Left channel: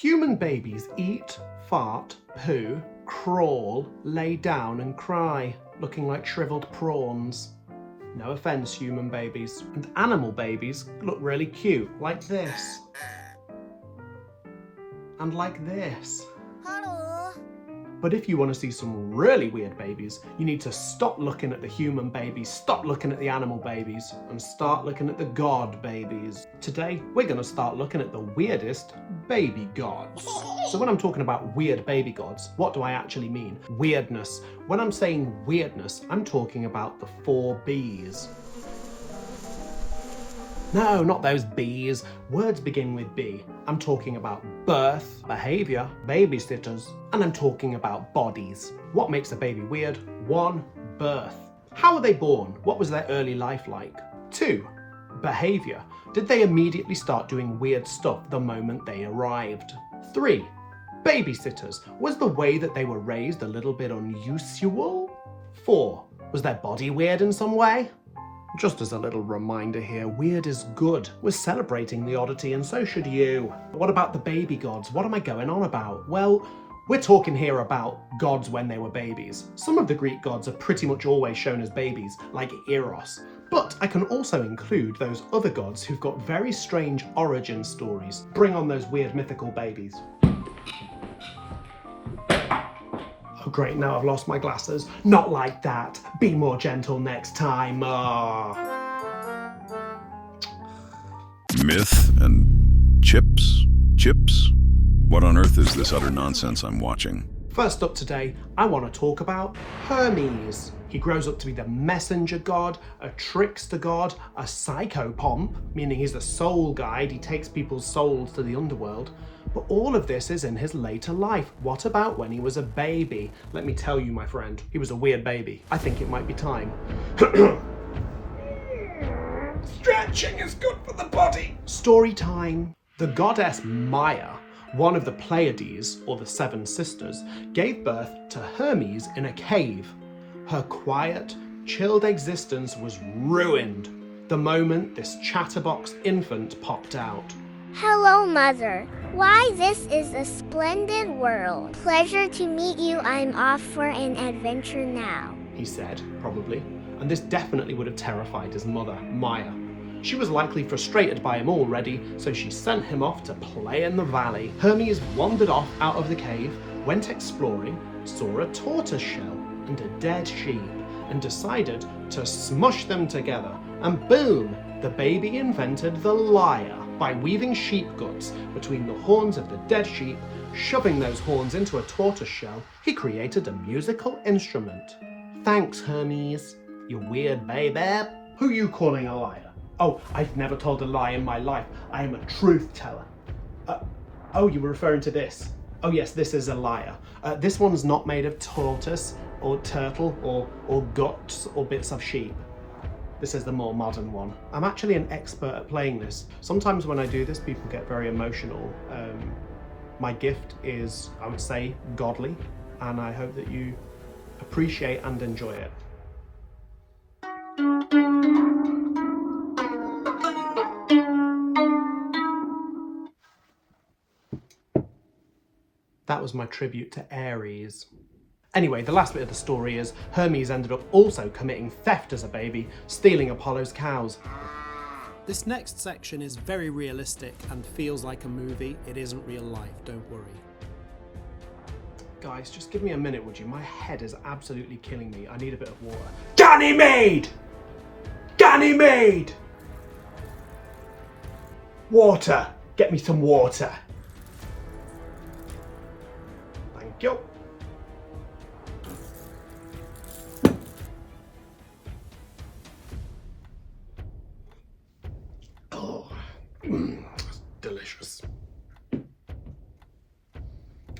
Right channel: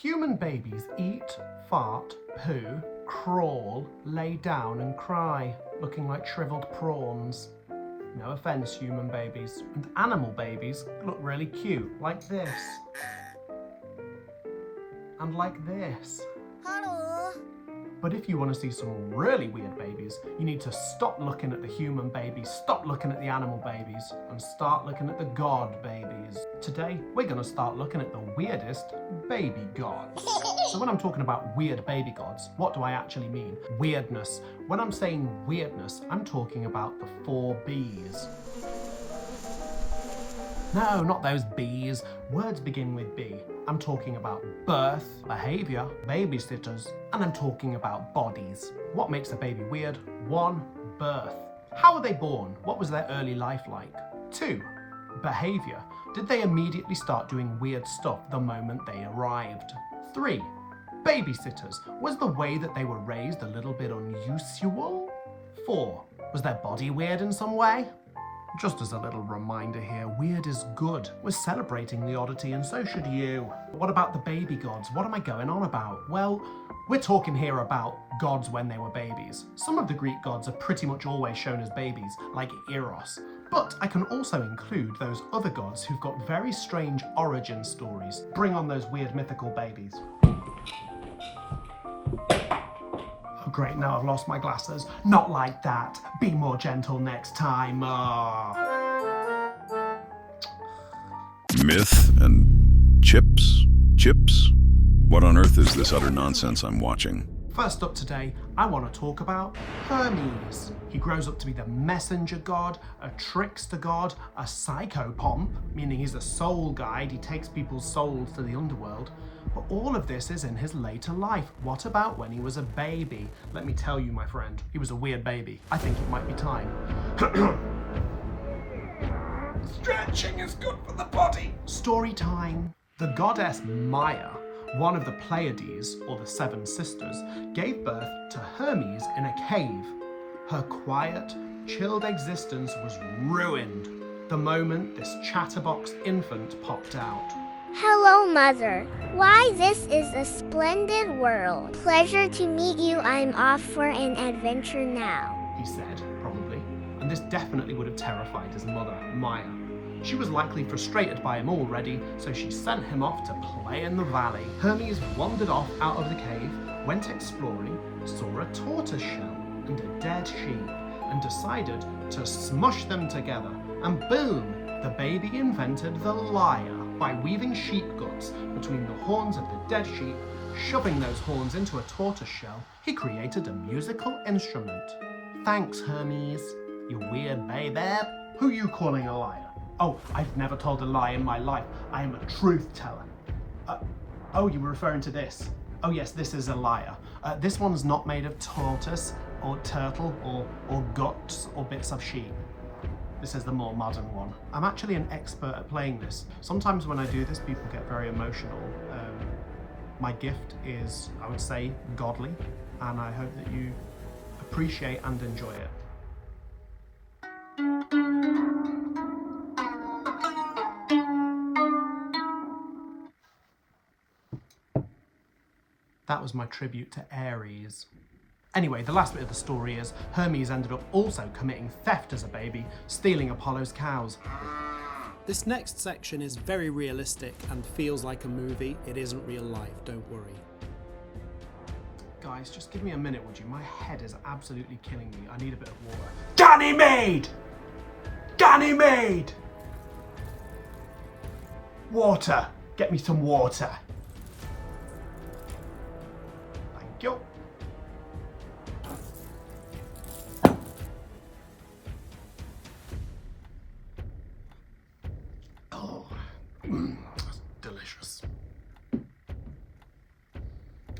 Human babies eat, fart, poo, crawl, lay down and cry, looking like shriveled prawns. No offence, human babies. And animal babies look really cute, like this. And like this. Hello. But if you want to see some really weird babies, you need to stop looking at the human babies, stop looking at the animal babies, and start looking at the god babies. Today, we're going to start looking at the weirdest baby gods. So when I'm talking about weird baby gods, what do I actually mean? Weirdness. When I'm saying weirdness, I'm talking about the 4 Bs. No, not those Bs. Words begin with B. I'm talking about birth, behaviour, babysitters, and I'm talking about bodies. What makes a baby weird? 1. Birth. How were they born? What was their early life like? 2. Behaviour. Did they immediately start doing weird stuff the moment they arrived? 3. Babysitters. Was the way that they were raised a little bit unusual? 4. Was their body weird in some way? Just as a little reminder here, weird is good. We're celebrating the oddity and so should you. What about the baby gods? What am I going on about? Well, we're talking here about gods when they were babies. Some of the Greek gods are pretty much always shown as babies, like Eros. But I can also include those other gods who've got very strange origin stories. Bring on those weird mythical babies. Oh great, now I've lost my glasses. Not like that. Be more gentle next time. Myth and chips? Chips? What on earth is this utter nonsense I'm watching? First up today, I want to talk about Hermes. He grows up to be the messenger god, a trickster god, a psychopomp, meaning he's the soul guide, he takes people's souls to the underworld. But all of this is in his later life. What about when he was a baby? Let me tell you, my friend, he was a weird baby. I think it might be time. Stretching is good for the body. Story time. The goddess Maya, one of the Pleiades, or the 7 sisters, gave birth to Hermes in a cave. Her quiet, chilled existence was ruined the moment this chatterbox infant popped out. Hello, Mother. Why, this is a splendid world. Pleasure to meet you. I'm off for an adventure now, He said, probably. And this definitely would have terrified his mother, Maya. She was likely frustrated by him already, so she sent him off to play in the valley. Hermes wandered off out of the cave, went exploring, saw a tortoise shell and a dead sheep, and decided to smush them together. And boom, the baby invented the lyre by weaving sheep guts between the horns of the dead sheep, shoving those horns into a tortoise shell. He created a musical instrument. Thanks, Hermes, you weird baby. Who you calling a liar? Oh, I've never told a lie in my life. I am a truth teller. Oh, you were referring to this. Oh yes, this is a lyre. This one's not made of tortoise or turtle or guts or bits of sheep. This is the more modern one. I'm actually an expert at playing this. Sometimes when I do this, people get very emotional. My gift is, I would say, godly, and I hope that you appreciate and enjoy it. That was my tribute to Aries. Anyway, the last bit of the story is Hermes ended up also committing theft as a baby, stealing Apollo's cows. This next section is very realistic and feels like a movie. It isn't real life, don't worry. Guys, just give me a minute, would you? My head is absolutely killing me. I need a bit of water. Ganymede! Ganymede! Water! Get me some water. Thank you. Oh, that's delicious.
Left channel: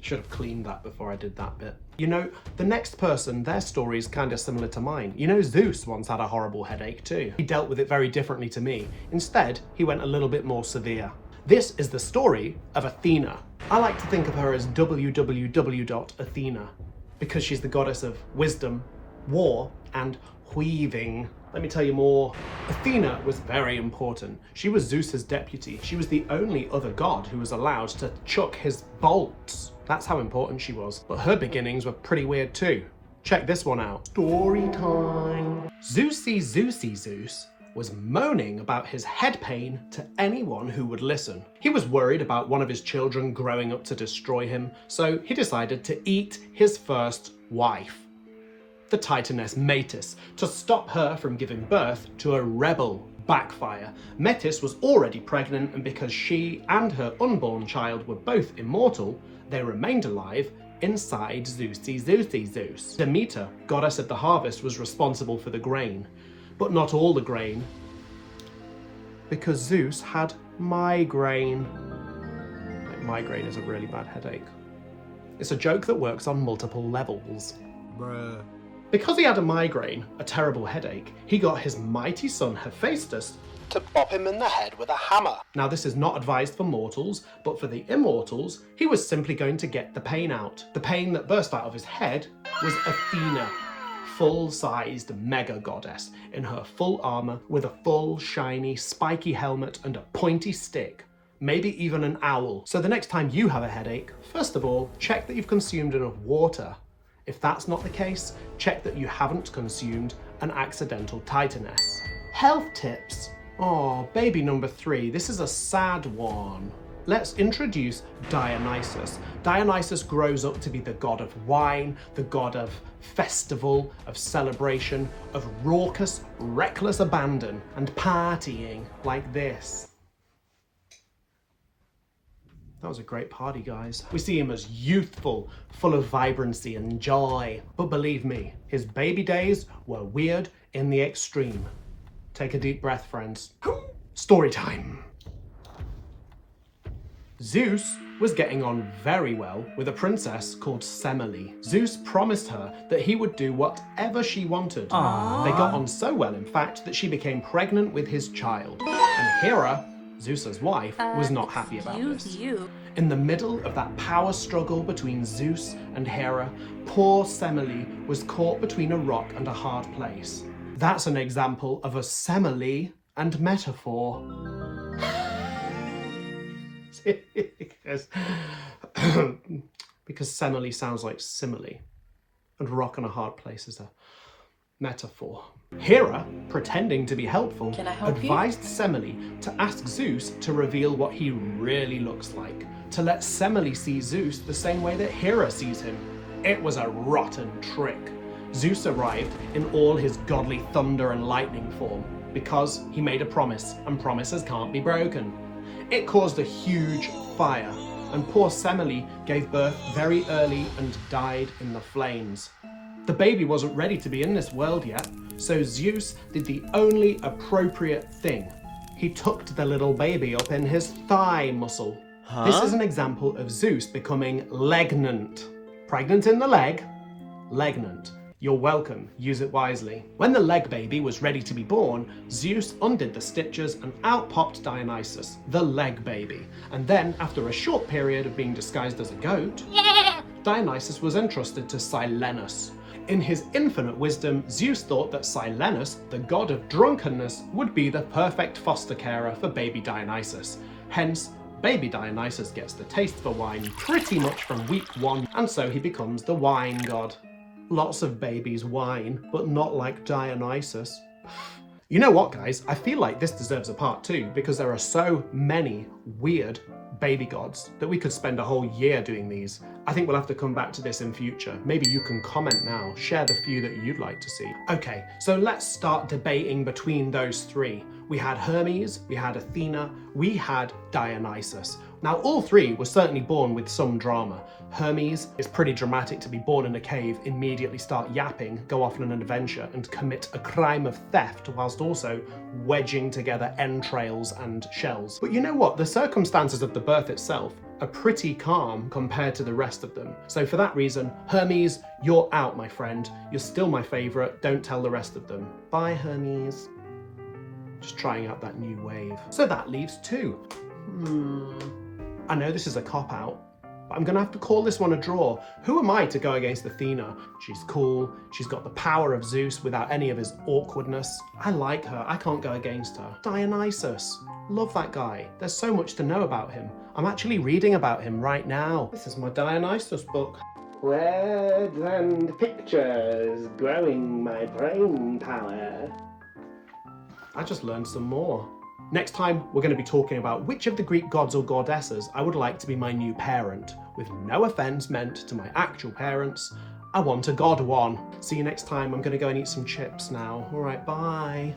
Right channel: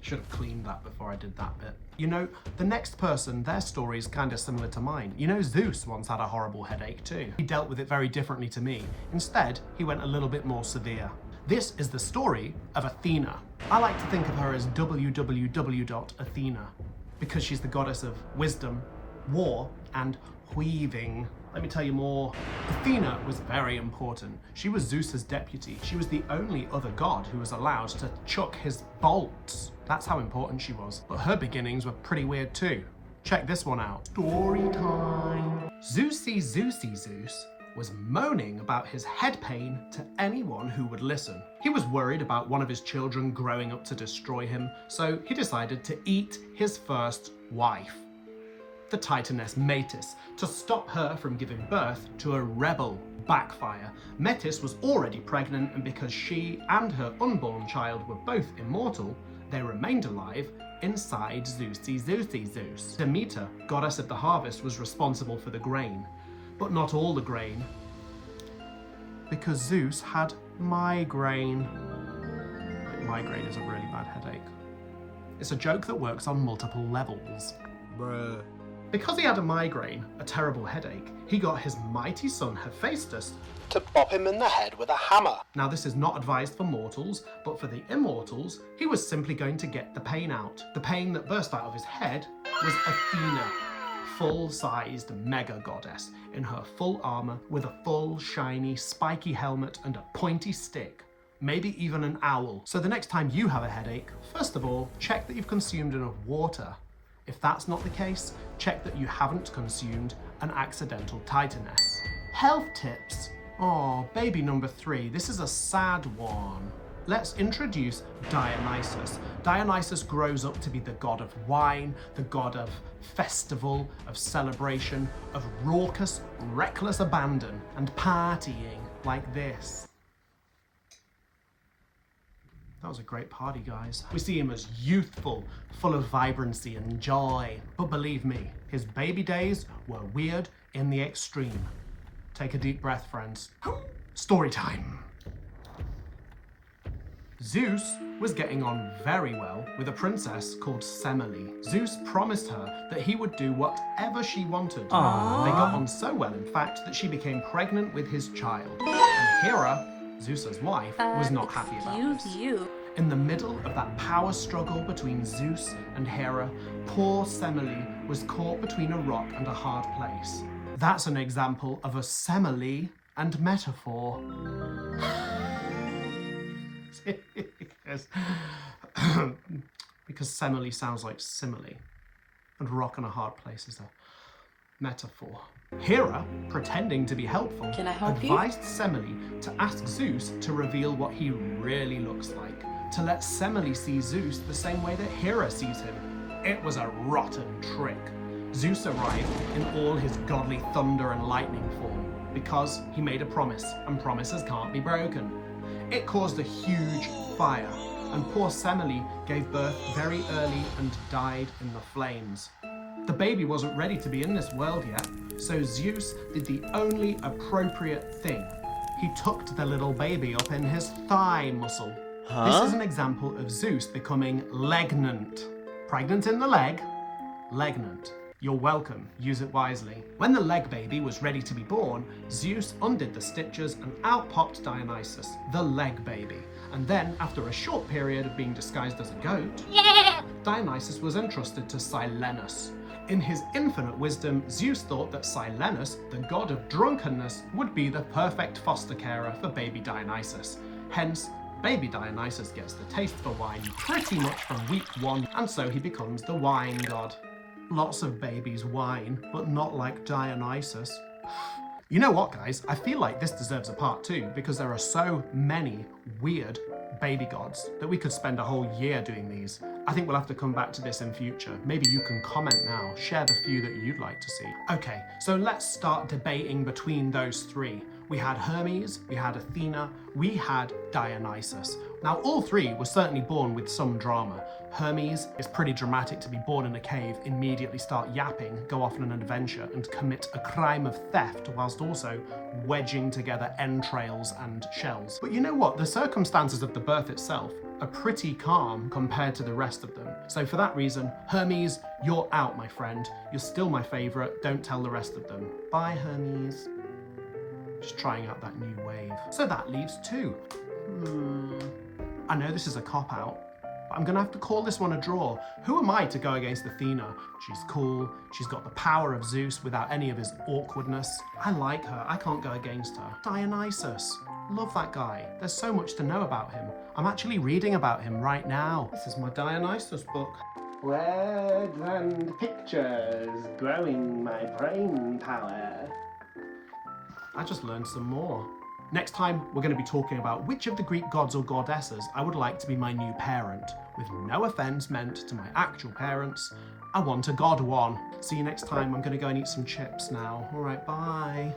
Should have cleaned that before I did that bit. You know, the next person, their story is kind of similar to mine. You know, Zeus once had a horrible headache too. He dealt with it very differently to me. Instead, he went a little bit more severe. This is the story of Athena. I like to think of her as www.Athena because she's the goddess of wisdom, war, and weaving. Let me tell you more. Athena was very important. She was Zeus's deputy. She was the only other god who was allowed to chuck his bolts. That's how important she was. But her beginnings were pretty weird too. Check this one out. Story time. Zeusy Zeus was moaning about his head pain to anyone who would listen. He was worried about one of his children growing up to destroy him, so he decided to eat his first wife, the Titaness Metis, to stop her from giving birth to a rebel. Backfire. Metis was already pregnant, and because she and her unborn child were both immortal, they remained alive inside Zeusy Zeus. Demeter, goddess of the harvest, was responsible for the grain, but not all the grain, because Zeus had migraine. Like, migraine is a really bad headache. It's a joke that works on multiple levels. Bruh. Because he had a migraine, a terrible headache, he got his mighty son Hephaestus to bop him in the head with a hammer. Now, this is not advised for mortals, but for the immortals, he was simply going to get the pain out. The pain that burst out of his head was Athena, full-sized mega goddess in her full armor with a full, shiny, spiky helmet and a pointy stick. Maybe even an owl. So the next time you have a headache, first of all, check that you've consumed enough water. If that's not the case, check that you haven't consumed an accidental titaness. Health tips. Oh, baby number 3, this is a sad one. Let's introduce Dionysus. Dionysus grows up to be the god of wine, the god of festival, of celebration, of raucous, reckless abandon, and partying like this. That was a great party, guys. We see him as youthful, full of vibrancy and joy. But believe me, his baby days were weird in the extreme. Take a deep breath, friends. Story time. Zeus was getting on very well with a princess called Semele. Zeus promised her that he would do whatever she wanted. Aww. They got on so well, in fact, that she became pregnant with his child. And Hera, Zeus's wife, was not happy about this. In the middle of that power struggle between Zeus and Hera, poor Semele was caught between a rock and a hard place. That's an example of a simile and metaphor. because Semele sounds like simile, and rock and a hard place is a metaphor. Hera, pretending to be helpful, advised Semele to ask Zeus to reveal what he really looks like, to let Semele see Zeus the same way that Hera sees him. It was a rotten trick. Zeus arrived in all his godly thunder and lightning form, because he made a promise, and promises can't be broken. It caused a huge fire, and poor Semele gave birth very early and died in the flames. The baby wasn't ready to be in this world yet, so Zeus did the only appropriate thing. He tucked the little baby up in his thigh muscle. This is an example of Zeus becoming legnant. Pregnant in the leg, legnant. You're welcome, use it wisely. When the leg baby was ready to be born, Zeus undid the stitches and out popped Dionysus, the leg baby. And then, after a short period of being disguised as a goat, Dionysus was entrusted to Silenus. In his infinite wisdom, Zeus thought that Silenus, the god of drunkenness, would be the perfect foster carer for baby Dionysus. Hence, baby Dionysus gets the taste for wine pretty much from week 1, and so he becomes the wine god. Lots of babies whine, but not like Dionysus. You know what, guys? I feel like this deserves a part 2 because there are so many weird baby gods that we could spend a whole year doing these. I think we'll have to come back to this in future. Maybe you can comment now, share the few that you'd like to see. Okay, so let's start debating between those 3. We had Hermes, we had Athena, we had Dionysus. Now, all 3 were certainly born with some drama. Hermes is pretty dramatic to be born in a cave, immediately start yapping, go off on an adventure, and commit a crime of theft whilst also wedging together entrails and shells. But you know what? The circumstances of the birth itself are pretty calm compared to the rest of them. So for that reason, Hermes, you're out, my friend. You're still my favourite. Don't tell the rest of them. Bye, Hermes. Just trying out that new wave. So that leaves 2. I know this is a cop-out, But I'm gonna have to call this one a draw. Who am I to go against Athena? She's cool, she's got the power of Zeus without any of his awkwardness. I like her, I can't go against her. Dionysus, love that guy. There's so much to know about him. I'm actually reading about him right now. This is my Dionysus book. Words and pictures, growing my brain power. I just learned some more. Next time, we're going to be talking about which of the Greek gods or goddesses I would like to be my new parent. With no offence meant to my actual parents, I want a god one. See you next time. I'm going to go and eat some chips now. All right, bye.